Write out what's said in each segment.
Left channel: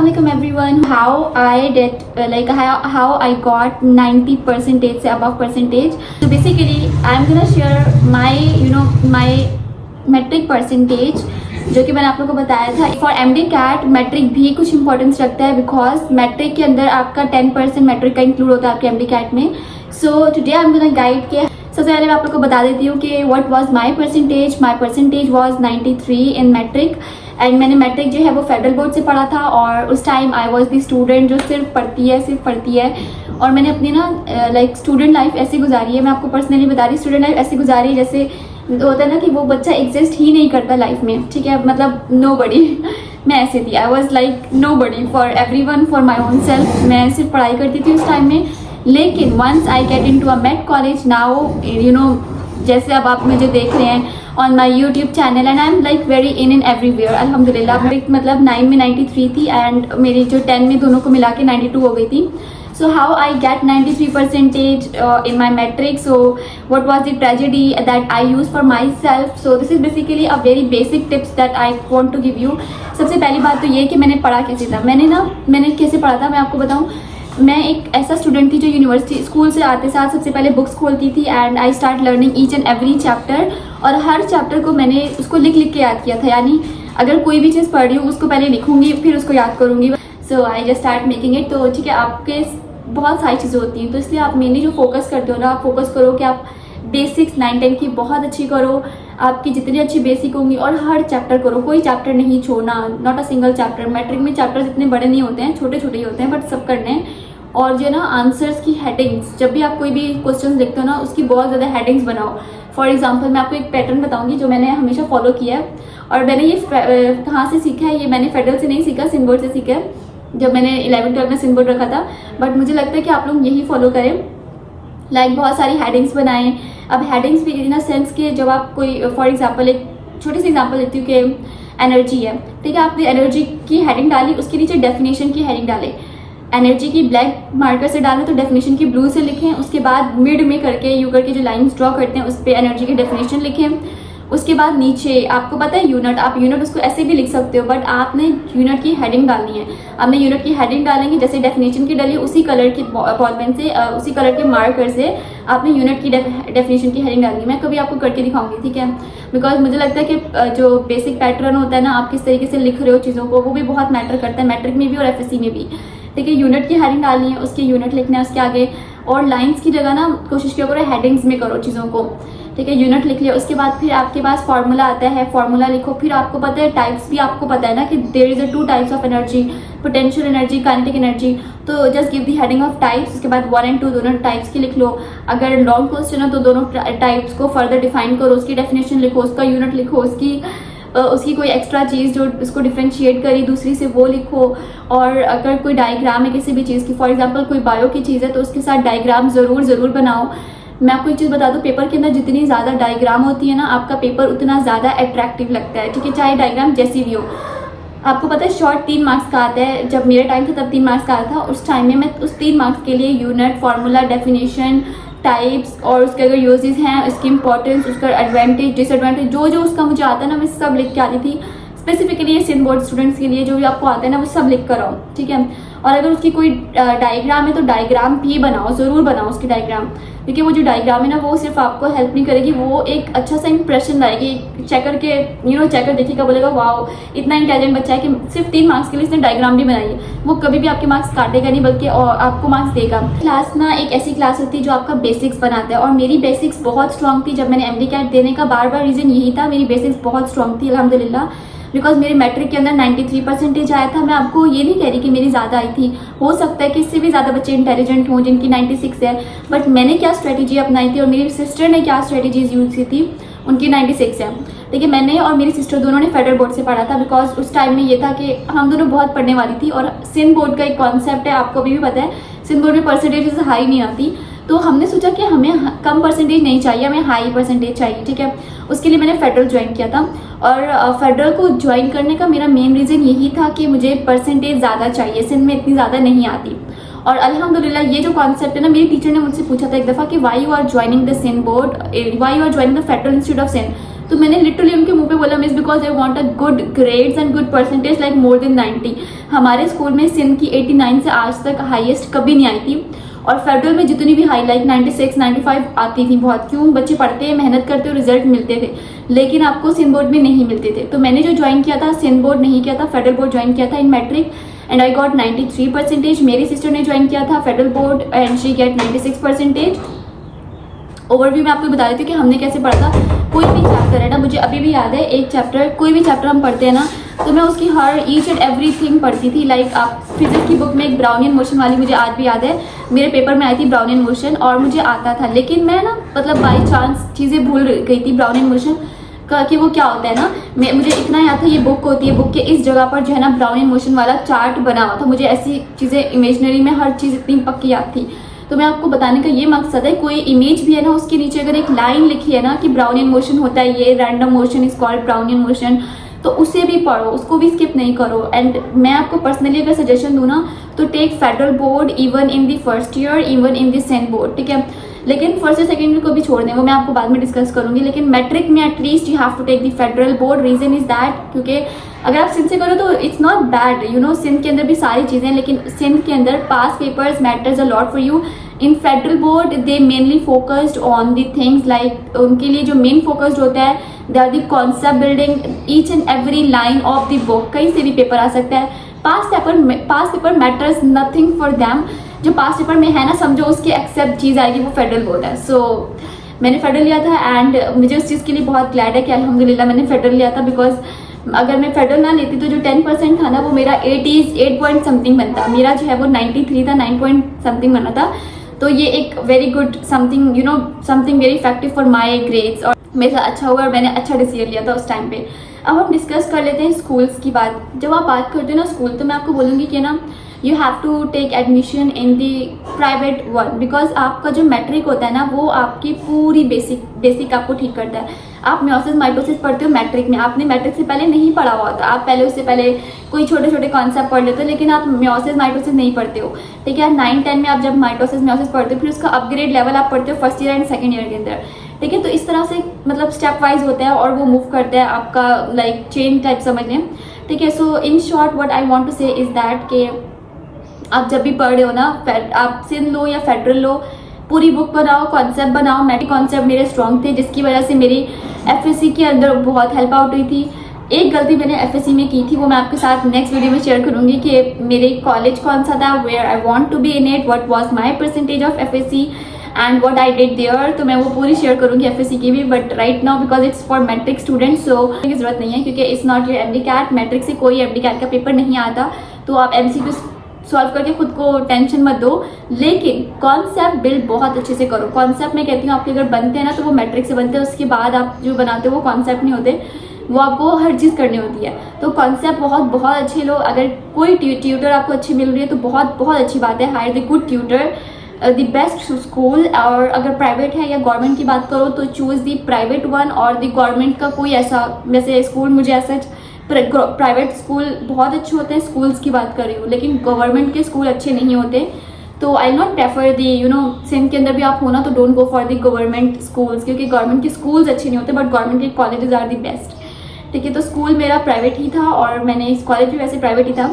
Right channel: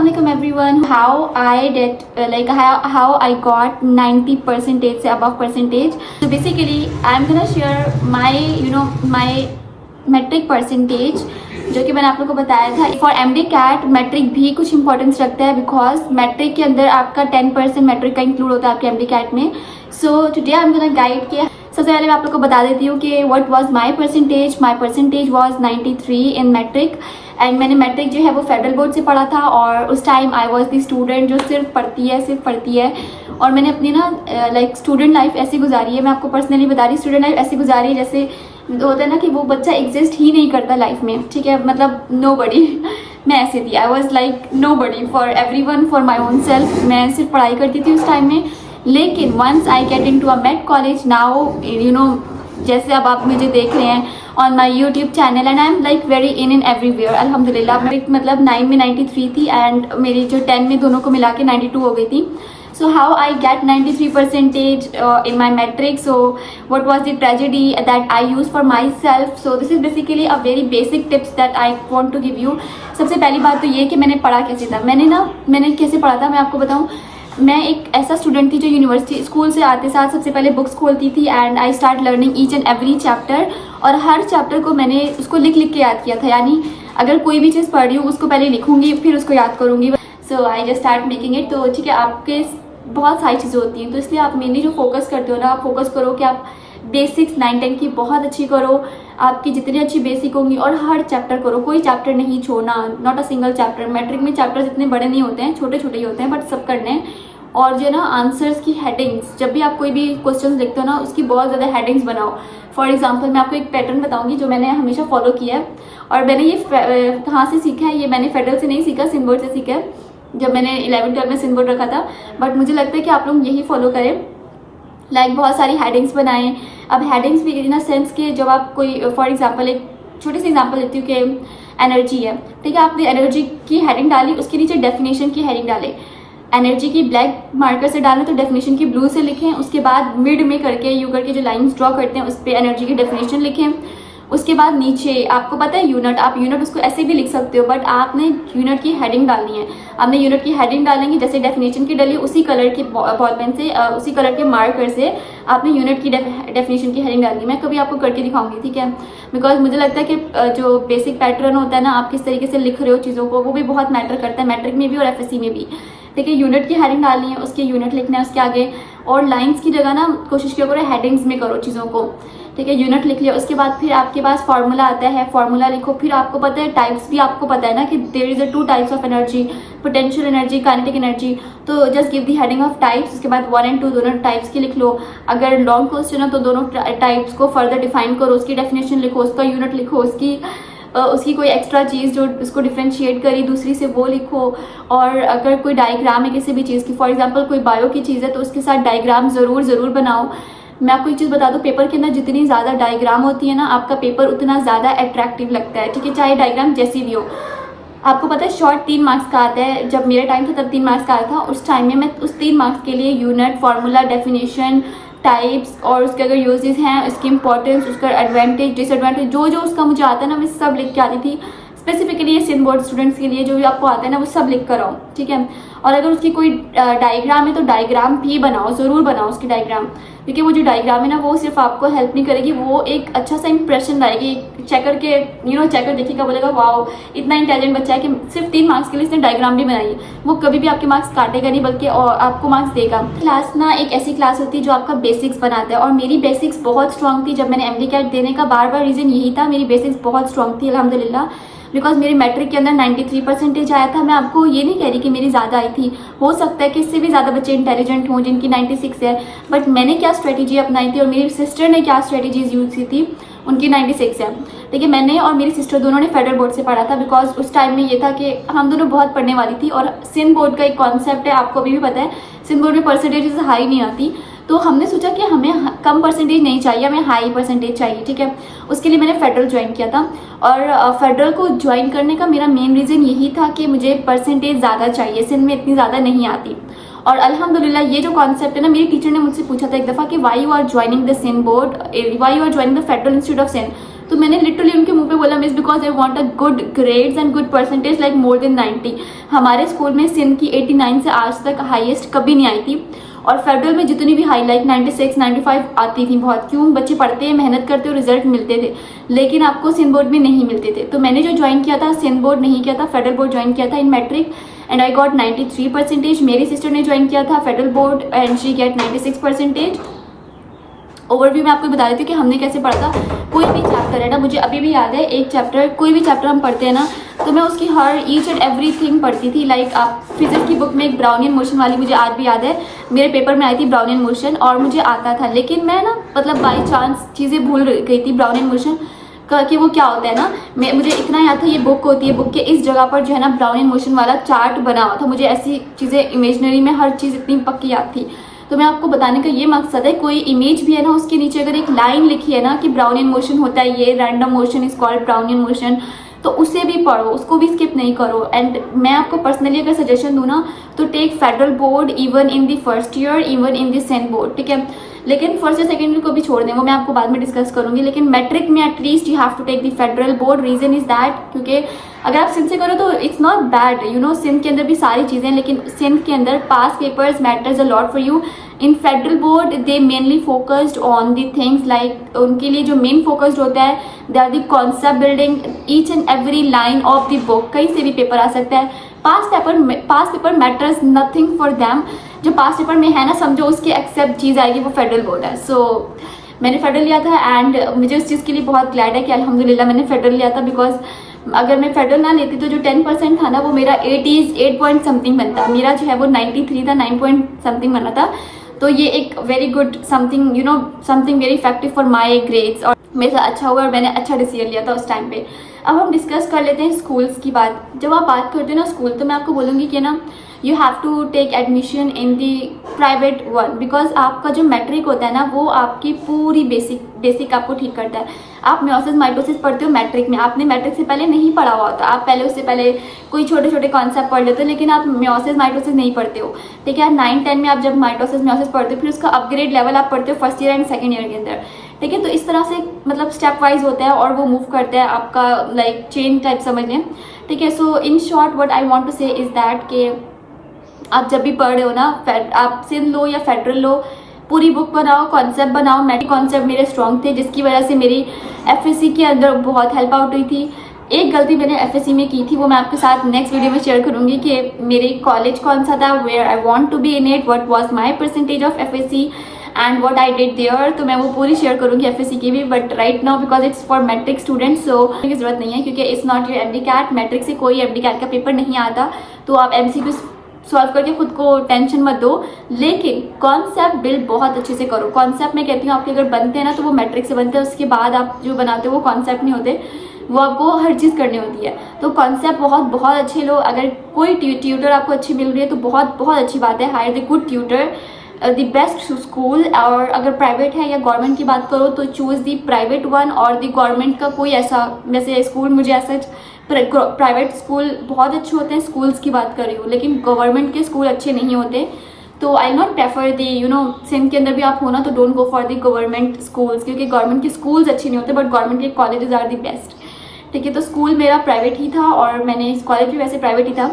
Assalamualaikum everyone. How I did how I got 90% से above percentage. So basically I'm gonna share my metric percentage जो कि मैंने आप लोगों को बताया था. For MD CAT metric भी कुछ importance रखता है because metric के अंदर आपका 10% metric का include होता है आपके MD CAT में. So today I'm gonna guide के सबसे पहले मैं आप लोगों को बता देती हूँ कि what was my percentage. My percentage was 93 in metric. And मैंने मैट्रिक जो है वो फेडरल बोर्ड से पढ़ा था और उस time I was the student जो सिर्फ पढ़ती है और मैंने अपनी ना स्टूडेंट लाइफ ऐसी गुजारी है. मैं आपको पर्सनली बता रही स्टूडेंट लाइफ ऐसी गुजारी है जैसे होता है ना कि वो बच्चा एग्जिस्ट ही नहीं करता लाइफ में. ठीक है, मतलब नो बडी. मैं ऐसे थी, I was like no buddy for everyone, for my own self. मैं सिर्फ पढ़ाई करती थी उस टाइम में. लेकिन once I get into a med college now जैसे अब आप मुझे देख रहे हैं on my YouTube channel and I'm like very in everywhere. अल्हम्दुलिल्लाह मतलब 9 में 93 थी and मेरी जो 10 में दोनों को मिला के 92 हो गई थी. So how I get 93% in my metric. So what was the tragedy that I used for myself. So this is basically a very basic tips that I want to give you. सबसे पहली बात तो ये कि मैंने पढ़ा कैसे था. मैंने कैसे पढ़ा था मैं आपको बताऊँ. मैं एक ऐसा स्टूडेंट थी जो यूनिवर्सिटी स्कूल से आते साथ सबसे पहले बुक्स खोलती थी and I start learning each and every chapter. और हर चैप्टर को मैंने उसको लिख के याद किया था. यानी अगर कोई भी चीज़ पढ़ रही हूँ उसको पहले लिखूंगी फिर उसको याद करूंगी. So I just start making it. तो ठीक है, आपके बहुत सारी चीज़ें होती हैं तो इसलिए आप मेनली जो फोकस करते हो ना, आप फोकस करो कि आप बेसिक्स 9-10 की बहुत अच्छी करो. आपकी जितनी अच्छी बेसिक होंगी और हर चैप्टर करो, कोई चैप्टर नहीं छोड़ना, not a single chapter. Matric में चैप्टर इतने बड़े नहीं होते हैं, छोटे छोटे ही होते हैं, बट सब करने हैं. और जो ना आंसर्स की हेडिंग्स, जब भी आप कोई भी क्वेश्चंस देखते हो ना उसकी बहुत ज़्यादा हेडिंग्स बनाओ. फॉर एग्जांपल मैं आपको एक पैटर्न बताऊंगी जो मैंने हमेशा फॉलो किया है और मैंने ये कहाँ से सीखा है. ये मैंने फेडरल से नहीं सीखा, सिंध बोर्ड से सीखा है. जब मैंने 11th-12 में सिंध बोर्ड रखा था. बट मुझे लगता है कि आप लोग यही फॉलो करें. बहुत सारी हेडिंग्स बनाएं. अब हेडिंग्स भी इन अ सेंस के जब आप कोई फॉर एग्जाम्पल एक छोटी सी एग्जाम्पल देती हूँ कि एनर्जी है. ठीक है, आपने एनर्जी की हेडिंग डाली, उसके नीचे डेफिनेशन की हेडिंग डाले. एनर्जी की ब्लैक मार्कर से डालें तो डेफिनेशन की ब्लू से लिखें. उसके बाद मिड में करके यू करके जो लाइंस ड्रॉ करते हैं उस पर एनर्जी की डेफिनेशन लिखें. उसके बाद नीचे आपको पता है यूनिट, आप यूनिट उसको ऐसे भी लिख सकते हो बट आपने यूनिट की हेडिंग डालनी है. आपने यूनिट की हेडिंग डालेंगे जैसे डेफिनेशन की डाली उसी कलर की बॉल पेन से उसी कलर के मार्कर से आपने यूनिट की डेफिनेशन की हेडिंग डालनी है. मैं कभी आपको करके दिखाऊंगी. ठीक है, बिकॉज मुझे लगता है कि जो बेसिक पैटर्न होता है ना, आप किस तरीके से लिख रहे हो चीज़ों को, वो भी बहुत मैटर करता है मैट्रिक में भी और FSC में भी. ठीक है, यूनिट की हेडिंग डालनी है, उसके यूनिट लिखना है उसके आगे. और लाइंस की जगह ना कोशिश किया करो हेडिंग्स में करो चीज़ों को. ठीक है, यूनिट लिख लिया. उसके बाद फिर आपके पास फॉर्मूला आता है, फॉर्मूला लिखो. फिर आपको पता है टाइप्स भी आपको पता है ना कि there is 2 types of energy, potential energy, kinetic energy. तो just give the heading of types. उसके बाद 1 और 2 दोनों टाइप्स की लिख लो. अगर लॉन्ग क्वेश्चन है तो दोनों टाइप्स को फर्दर डिफाइन करो, उसकी डेफिनेशन लिखो, उसका यूनिट लिखो, उसकी कोई एक्स्ट्रा चीज़ जो उसको डिफरेंशिएट करी दूसरी से वो लिखो. और अगर कोई डायग्राम है किसी भी चीज़ की, फॉर एग्जांपल कोई बायो की चीज़ है तो उसके साथ डायग्राम ज़रूर बनाओ. मैं आपको एक चीज़ बता दूं, पेपर के अंदर जितनी ज़्यादा डायग्राम होती है ना, आपका पेपर उतना ज़्यादा अट्रैक्टिव लगता है. ठीक है, चाहे डायग्राम जैसी भी हो. आपको पता है शॉर्ट 3 मार्क्स का आता है. जब मेरे टाइम था तब 3 मार्क्स का आता था. उस टाइम में मैं उस 3 मार्क्स के लिए यूनिट, फॉर्मूला, डेफिनेशन, टाइप्स और उसके अगर यूजेस हैं, उसकी इंपॉर्टेंस, उसका एडवांटेज, डिसएडवांटेज, जो उसका मुझे आता है ना मैं सब लिख के आती थी. स्पेसिफिकली ये सिंध बोर्ड स्टूडेंट्स के लिए जो भी आपको आता है ना वो सब लिख कर आओ. ठीक है, और अगर उसकी कोई डायग्राम है तो डायग्राम भी बनाओ, जरूर बनाओ उसकी डायग्राम. क्योंकि वो जो डायग्राम है ना वो सिर्फ आपको हेल्प नहीं करेगी, वो एक अच्छा सा इंप्रेशन लाएगी. चेकर के चेकर देखिएगा, बोलेगा वाओ इतना इंटेलिजेंट बच्चा है कि सिर्फ 3 मार्क्स के लिए इसने डायग्राम भी बनाई. वो कभी भी आपके मार्क्स काटेगा नहीं बल्कि आपको मार्क्स देगा. क्लास ना एक ऐसी क्लास होती है जो आपका बेसिक्स बनाता है और मेरी बेसिक्स बहुत स्ट्रांग थी. जब मैंने MD CAT देने का बार रीजन यही था, मेरी बेसिक्स बहुत स्ट्रांग थी अल्हम्दुलिल्लाह. बिकॉज मेरे मैट्रिक के अंदर 93% आया था. मैं आपको ये नहीं कह रही कि मेरी ज़्यादा आई थी, हो सकता है कि इससे भी ज़्यादा बच्चे इंटेलिजेंट हों जिनकी 96 है. बट मैंने क्या स्ट्रेटेजी अपनाई थी और मेरी सिस्टर ने क्या स्ट्रेटेजीज यूज की थी, उनकी 96 है. देखिए, मैंने और मेरी सिस्टर दोनों ने फेडरल बोर्ड से पढ़ा था. बिकॉज उस टाइम में ये था कि हम दोनों बहुत पढ़ने वाली थी और सिंध बोर्ड का एक कॉन्सेप्ट है, आपको अभी भी पता है, सिंध बोर्ड में परसेंटेज हाई नहीं आती. तो हमने सोचा कि हमें कम परसेंटेज नहीं चाहिए, हमें हाई परसेंटेज चाहिए. ठीक है, उसके लिए मैंने फेडरल ज्वाइन किया था. और फेडरल को ज्वाइन करने का मेरा मेन रीज़न यही था कि मुझे परसेंटेज ज़्यादा चाहिए, सिंध में इतनी ज़्यादा नहीं आती. और अल्हम्दुलिल्लाह ये जो कॉन्सेप्ट है ना, मेरी टीचर ने मुझसे पूछा था एक दफ़ा कि why you are joining the Sindh board, why you are joining the federal institute of Sindh. तो मैंने लिटरली उनके मुंह पे बोला miss because I want a good grades and good percentage like more than 90। हमारे स्कूल में सिंध की 89 से आज तक हाईएस्ट कभी नहीं आई थी, और फेडरल में जितनी भी हाई लाइक 96 95 आती थी बहुत। क्यों? बच्चे पढ़ते हैं, मेहनत करते और रिजल्ट मिलते थे, लेकिन आपको सिंध बोर्ड में नहीं मिलते थे। तो मैंने जो ज्वाइन किया था सिंध बोर्ड नहीं किया था, फेडरल बोर्ड ज्वाइन किया था इन मैट्रिक एंड आई गॉट 93%। मेरी सिस्टर ने ज्वाइन किया था federal board and she get 96%। Overview में आपको बता देती हूँ कि हमने कैसे पढ़ा था। कोई भी चैप्टर है ना, मुझे अभी भी याद है एक चैप्टर, कोई भी चैप्टर हम पढ़ते हैं ना तो मैं उसकी हर ईच एंड एवरीथिंग पढ़ती थी। लाइक आप फिजिक्स की बुक में एक ब्राउनियन मोशन वाली मुझे आज भी याद है, मेरे पेपर में आई थी ब्राउनियन मोशन और मुझे आता था, लेकिन मैं ना मतलब बाई चांस चीजें भूल गई थी ब्राउनियन मोशन कि वो क्या होता है ना। मुझे इतना याद था ये बुक होती है, बुक के इस जगह पर जो है ना ब्राउनियन मोशन वाला चार्ट बना हुआ था। मुझे ऐसी चीजें इमेजिनरी में हर चीज इतनी पक्की याद थी। तो मैं आपको बताने का ये मकसद है, कोई इमेज भी है ना उसके नीचे अगर एक लाइन लिखी है ना कि ब्राउनियन मोशन होता है, ये random motion is called Brownian motion, तो उसे भी पढ़ो, उसको भी स्किप नहीं करो। एंड मैं आपको पर्सनली अगर सजेशन दूं ना तो take federal board even in the first year, even in the सेंट बोर्ड, ठीक है। लेकिन फर्स्ट या सेकेंड ईयर को भी छोड़ दें, वो मैं आपको बाद में डिस्कस करूंगी। लेकिन मैट्रिक में at least you have to take the federal board. Reason is that क्योंकि अगर आप सिंध से करो तो it's not bad, you know, Sindh के अंदर भी सारी चीजें, लेकिन सिंध के अंदर past papers matters a lot for you. In federal board they mainly focused on the things like, उनके लिए जो मेन फोकस्ड होता है they are the concept building, each and every line of the book. कहीं से भी paper आ सकता है। Pass paper matters nothing for them. जो पास पेपर में है ना समझो उसकी एक्सेप्ट चीज आएगी, वो फेडरल बोर्ड है। सो मैंने फेडरल लिया था एंड मुझे उस चीज के लिए बहुत ग्लैड है कि अल्हम्दुलिल्लाह मैंने फेडरल लिया था। बिकॉज अगर मैं फेडरल ना लेती तो जो 10% था ना वो मेरा 8 पॉइंट समथिंग बनता, मेरा जो है वो 93 था, 9 पॉइंट समथिंग बना था। तो ये एक very good something, you know, something very effective for my grades, और मेरे साथ अच्छा हुआ और मैंने अच्छा डिसीजन लिया था उस टाइम पे। अब हम डिस्कस कर लेते हैं स्कूल्स की बात। जब आप बात करते हो ना स्कूल, तो मैं आपको बोलूंगी कि ना you have to take admission in the private one, because आपका जो मैट्रिक होता है ना वो आपकी पूरी बेसिक आपको ठीक करता है। आप मेयोसिस माइटोसिस पढ़ते हो मैट्रिक में, आपने मैट्रिक से पहले नहीं पढ़ा हुआ होता, आप पहले उससे पहले कोई छोटे छोटे कॉन्सेप्ट पढ़ लेते हो, लेकिन आप मेयोसिस माइटोसिस नहीं पढ़ते हो, ठीक है। 9-10 में आप जब माइटोसिस मेयोसिस पढ़ते हो फिर उसका अपग्रेड लेवल आप पढ़ते हो first year and second year के अंदर, ठीक है। तो इस तरह से मतलब स्टेप वाइज होता है और वो मूव करता है आपका लाइक चेन टाइप समझ लें, ठीक है। So in short what I want to say is that के आप जब भी पढ़ रहे हो ना, आप सिंध लो या फेडरल लो, पूरी बुक बनाओ, कॉन्सेप्ट बनाओ। मैट्रिक कॉन्सेप्ट मेरे स्ट्रॉन्ग थे जिसकी वजह से मेरी एफएससी के अंदर बहुत हेल्प आउट हुई थी। एक गलती मैंने एफएससी में की थी, वो मैं आपके साथ नेक्स्ट वीडियो में शेयर करूंगी कि मेरे कॉलेज कौन सा था, where I want to be in it, what was my percentage of FSc and what I did there. तो मैं वो पूरी शेयर करूंगी एफएससी की भी, but right now because it's for matric students so की जरूरत नहीं है क्योंकि it's not your MDCAT. Matric से कोई एमडी-कैट का पेपर नहीं आता, तो आप एमसीक्यू सॉल्व करके खुद को टेंशन मत दो, लेकिन कॉन्सेप्ट बिल्ड बहुत अच्छे से करो। कॉन्सेप्ट मैं कहती हूँ आपके अगर बनते हैं ना तो वो मैट्रिक से बनते हैं, उसके बाद आप जो बनाते हो वो कॉन्सेप्ट नहीं होते, वो आपको हर चीज करनी होती है। तो कॉन्सेप्ट बहुत अच्छे लो। अगर कोई ट्यूटर आपको अच्छी मिल रही है तो बहुत अच्छी बात है, hire the good tutor, the best school. और अगर प्राइवेट है या गवर्नमेंट की बात करो तो चूज द प्राइवेट वन, और द गवर्नमेंट का कोई ऐसा वैसे स्कूल मुझे ऐसा प्राइवेट स्कूल बहुत अच्छे होते हैं, स्कूल्स की बात कर रही हूँ, लेकिन गवर्नमेंट के स्कूल अच्छे नहीं होते। तो I not prefer the, you know, Sindh के अंदर भी आप हो ना तो don't go for the government schools, क्योंकि गवर्नमेंट के स्कूल्स अच्छे नहीं होते बट गवर्नमेंट के कॉलेजेस आर दी बेस्ट, ठीक है। तो स्कूल मेरा प्राइवेट ही था और मैंने कॉलेज भी वैसे प्राइवेट ही था,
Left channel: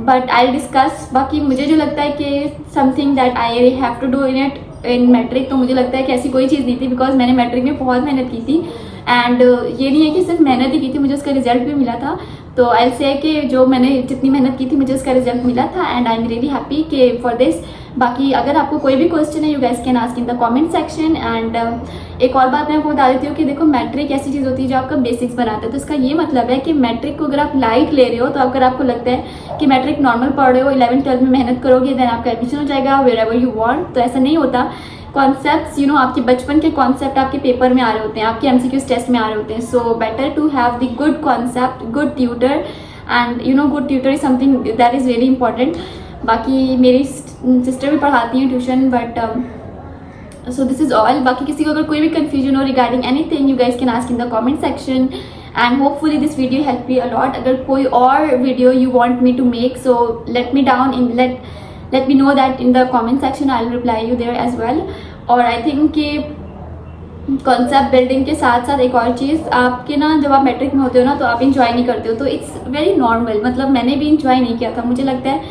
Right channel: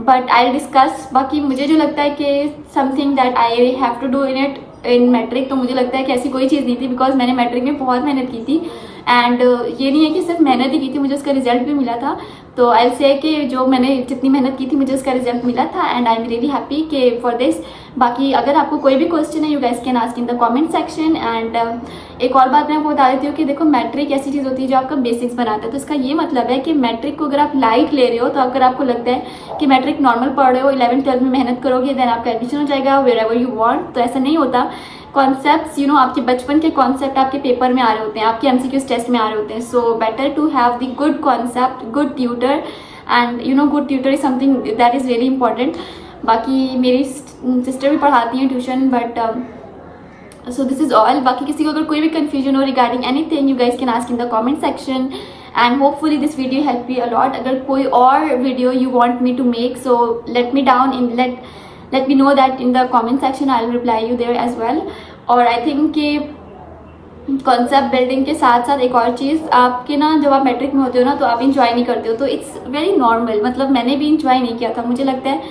बट आई डिस्कस। बाकी मुझे जो लगता है कि something that I have to do in it in matric, तो मुझे लगता है कि ऐसी कोई चीज़ नहीं थी बिकॉज मैंने मैट्रिक में बहुत मेहनत की थी एंड ये नहीं है कि सिर्फ मेहनत ही की थी, मुझे उसका रिजल्ट भी मिला था। तो आई से कि जो मैंने जितनी मेहनत की थी मुझे उसका रिजल्ट मिला था and I am really happy कि फॉर दिस। बाकी अगर आपको कोई भी क्वेश्चन है you guys can ask in the comment section. And एक और बात मैं आपको बता देती हूँ कि देखो मैट्रिक ऐसी चीज़ होती है जो आपका बेसिक्स बनाता है, तो इसका ये मतलब है कि मैट्रिक को अगर आप लाइट ले रहे हो, तो अगर आपको लगता है कि मैट्रिक नॉर्मल पढ़ रहे हो, 11th-12th में मेहनत करोगे देन आपका एडमिशन हो जाएगा वेयर एवर यू वांट, तो ऐसा नहीं होता। कॉन्सेप्ट्स, यू नो, आपके बचपन के कॉन्सेप्ट आपके पेपर में आ रहे होते हैं, आपके एमसीक्यूज टेस्ट में आ रहे होते हैं। So better to have the good concept, good tutor, and you know good tutor is something that is really important. बाकी मेरी सिस्टर भी पढ़ाती हैं tuition, but so this is all. बाकी किसी को अगर कोई भी कंफ्यूजन हो regarding anything you guys can ask in the comment section and hopefully this video help you a lot. अगर कोई और video you want me to make so let me down in let me know that in the comment section. I'll reply you there as well. और I think कि concept building के साथ साथ एक और चीज़, आपके ना जब आप मैट्रिक में होते हो ना तो आप इंजॉय नहीं करते हो, तो इट्स वेरी नॉर्मल। मतलब मैंने भी इंजॉय नहीं किया था। मुझे लगता है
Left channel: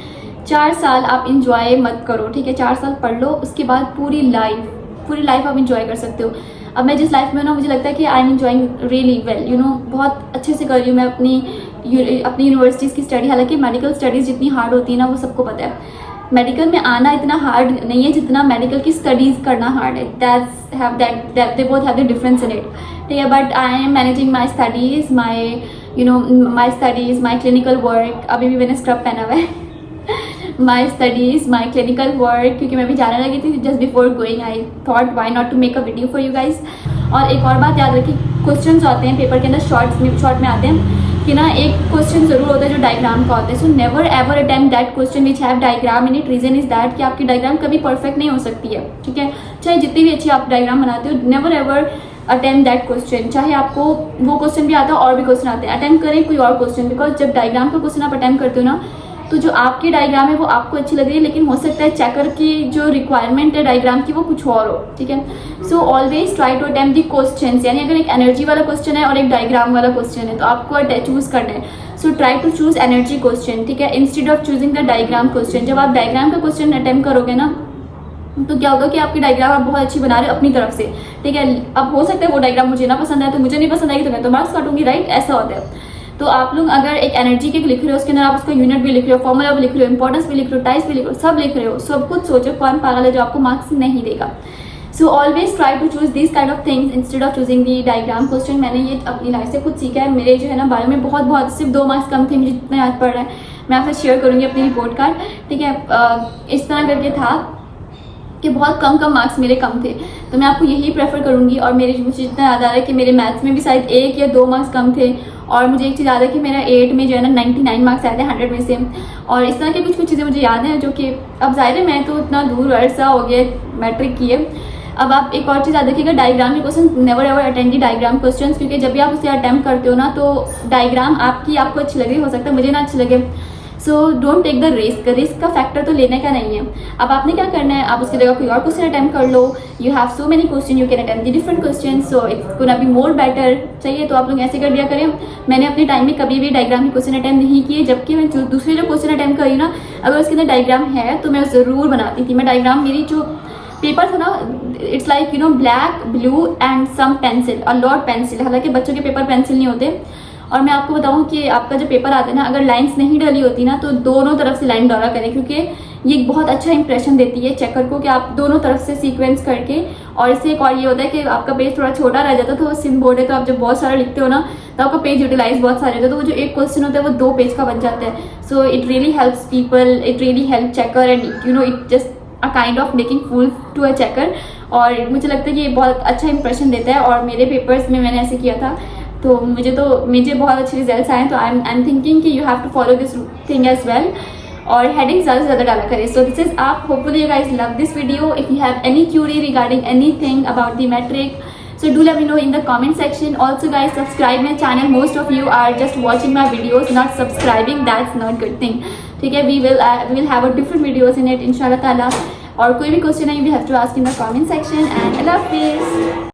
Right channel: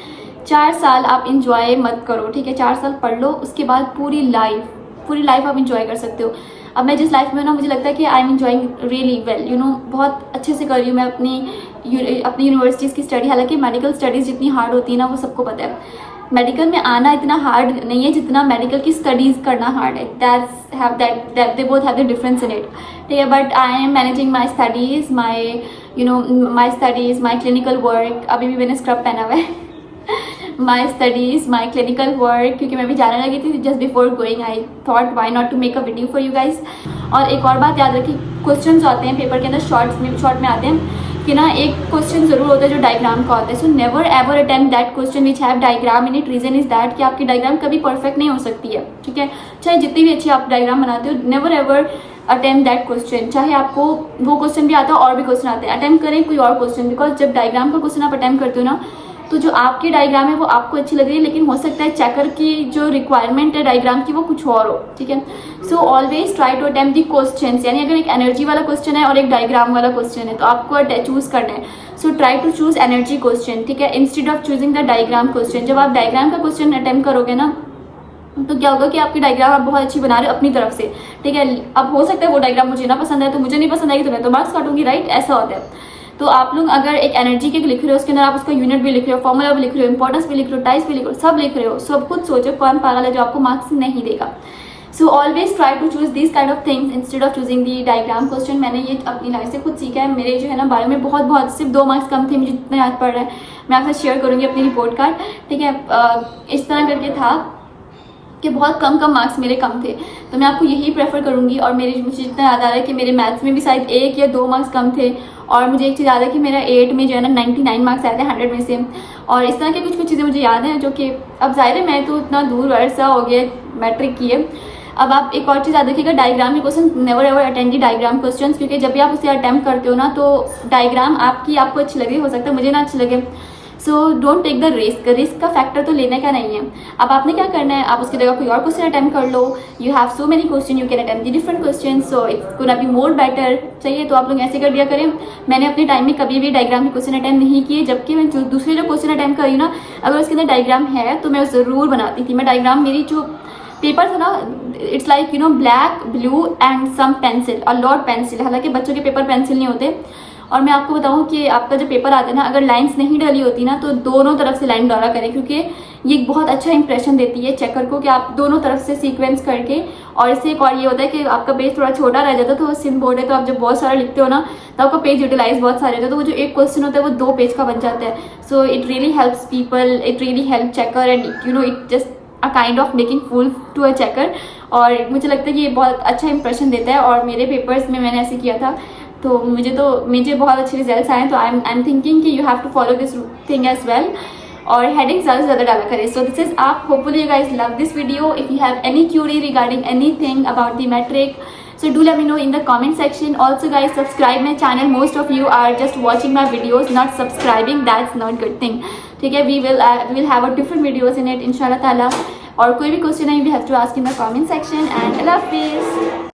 4 साल आप इंजॉय मत करो, ठीक है। 4 साल पढ़ लो, उसके बाद पूरी लाइफ आप इंजॉय कर सकते हो। अब मैं जिस लाइफ में ना, मुझे लगता है कि I am enjoying really well, you know, बहुत अच्छे से कर रही हूँ मैं अपनी यूनिवर्सिटीज़ की स्टडी। हालांकि मेडिकल स्टडीज़ जितनी हार्ड होती है ना, वो सबको पता है। मेडिकल में आना इतना हार्ड नहीं है जितना मेडिकल की स्टडीज़ करना हार्ड है। They both have the difference in it, ठीक है। But I am managing my studies, my clinical work. अभी भी मैंने स्क्रब पहना हुआ है। My studies, my clinical work, क्योंकि मैं भी जाने लगी थी। Just before going I thought why not to make a video for you guys. और एक और बात याद रखिए, क्वेश्चन आते हैं पेपर के अंदर शॉर्ट में आते हैं कि ना, एक क्वेश्चन जरूर होता है जो डायग्राम का होता है। So never ever attempt that question which have diagram in it. Reason is that कि आपकी डायग्राम कभी परफेक्ट नहीं हो सकती है, ठीक है। चाहे जितनी भी अच्छी आप डायग्राम बनाते हो, never ever attempt that question. चाहे आपको वो क्वेश्चन भी आता है और भी क्वेश्चन आते हैं, अटेम्प्ट करें कोई और क्वेश्चन। बिकॉज जब डायग्राम का क्वेश्चन आप अटेम्प्ट करते हो ना, तो जो आपकी डायग्राम है वो आपको अच्छी लग रही है, लेकिन हो सकता है चेकर की जो रिक्वायरमेंट है डायग्राम की वो कुछ और हो, ठीक है। So always try to attempt the question. यानी अगर एक एनर्जी वाला क्वेश्चन है और एक डायग्राम वाला क्वेश्चन है, तो आपको चूज करना है। So try to choose energy question, ठीक है, instead of choosing the diagram question. जब आप डायग्राम का क्वेश्चन अटेम्प्ट करोगे ना, तो क्या होगा कि आपकी डायग्राम आप बहुत अच्छी बना रहे हो अपनी तरफ से, ठीक है। अब हो सकता है वो डायग्राम मुझे ना पसंद आए, तो मुझे नहीं पसंद आई तो मैं तो मार्क्स काटूंगी, राइट। ऐसा होता है। तो आप लोग अगर एक एनर्जी के लिख रहे हो, उसके अंदर आप उसका यूनिट भी लिख रहे हो, फॉर्मूला भी लिख रहे हो, इंपॉर्टेंस भी लिख रहे हो, टाइप्स भी लिख रहे हो, सब लिख रहे हो, सब कुछ सोचो कौन पागल है जो आपको मार्क्स नहीं देगा। So always try to choose this kind of things instead of choosing the diagram question. मैंने ये अपनी लाइफ से खुद सीखा है। मेरे जो है ना 12 में बहुत सिर्फ 2 मार्क्स कम थे, मुझे जितना याद पड़ रहा है। मैं आपसे शेयर करूंगी अपनी रिपोर्ट कार्ड, ठीक है। इस तरह करके था कि बहुत कम मार्क्स मेरे कम थे, तो मैं आपको यही प्रेफर करूंगी। और मुझे जितना याद आ रहा है कि मेरे मैथ्स में भी शायद 1 या 2 मार्क्स कम थे। और मुझे एक चीज़ याद है कि मेरा 8 में जो है ना 99 मार्क्स आए थे 100 में से। और इस तरह की कुछ चीज़ें मुझे याद है, जो कि अब जाहिर है मैं तो इतना दूर अरसा हो गया मैट्रिक किए। अब आप एक और चीज़ याद रखिएगा, डायग्राम के question never ever attend the diagram questions, क्योंकि जब भी आप उसे अटेम्प्ट करते हो ना, तो डायग्राम आपको अच्छी लगे, हो सकता है मुझे ना अच्छी लगे। So don't take the risk का फैक्टर तो लेने का नहीं है। अब आपने क्या करना है, आप उसकी जगह कोई और क्वेश्चन अटेम्प्ट कर लो। You have so many question, you can attempt the different question, so it's gonna be more better. सही है, तो आप लोग ऐसे कर दिया करें। मैंने अपने टाइम में कभी भी डायग्राम के क्वेश्चन अटेम्प्ट नहीं किए, जबकि मैं दूसरे जो क्वेश्चन अटेम्प्ट करी ना, अगर उसके अंदर डायग्राम है तो मैं जरूर बनाती थी। मैं डायग्राम, मेरी जो पेपर था ना, it's like you know black, blue and some pencil, a lot pencil. हालांकि बच्चों के पेपर पेंसिल नहीं होते। और मैं आपको बताऊं कि आपका जो पेपर आता है ना, अगर लाइंस नहीं डली होती ना, तो दोनों तरफ से लाइन डाला करें, क्योंकि ये एक बहुत अच्छा इंप्रेशन देती है चेकर को कि आप दोनों तरफ से सीक्वेंस करके। और इससे एक और ये होता है कि आपका पेज थोड़ा छोटा रह जाता है, तो सिम बोर्ड है, तो आप जब बहुत सारा लिखते हो ना, तो आपका पेज यूटिलाइज बहुत सारे होता है, तो वो जो एक क्वेश्चन होता है वो 2 पेज का बन जाता है। So it really helps people, it really help checker, and you know it just a kind of making fool to a checker. और मुझे लगता है कि ये बहुत अच्छा इंप्रेशन देता है। और मेरे पेपर्स में मैंने ऐसे किया था, तो मुझे बहुत अच्छे रिजल्ट्स आए। तो आई एम थिंकिंग कि you have to follow this thing as well. और हेडिंग ज़्यादा से ज़्यादा डाला करें। सो दिस इज आप, hopefully you guys love this video. If you have any query regarding anything about the matric, so do let me know in the comment section. Also guys, subscribe my channel. Most of you are just watching my videos, not subscribing. That's not good thing, ठीक है। we will have a different videos in it, inshallah taala. और कोई भी question है, you have to ask in the comment section. And I love this.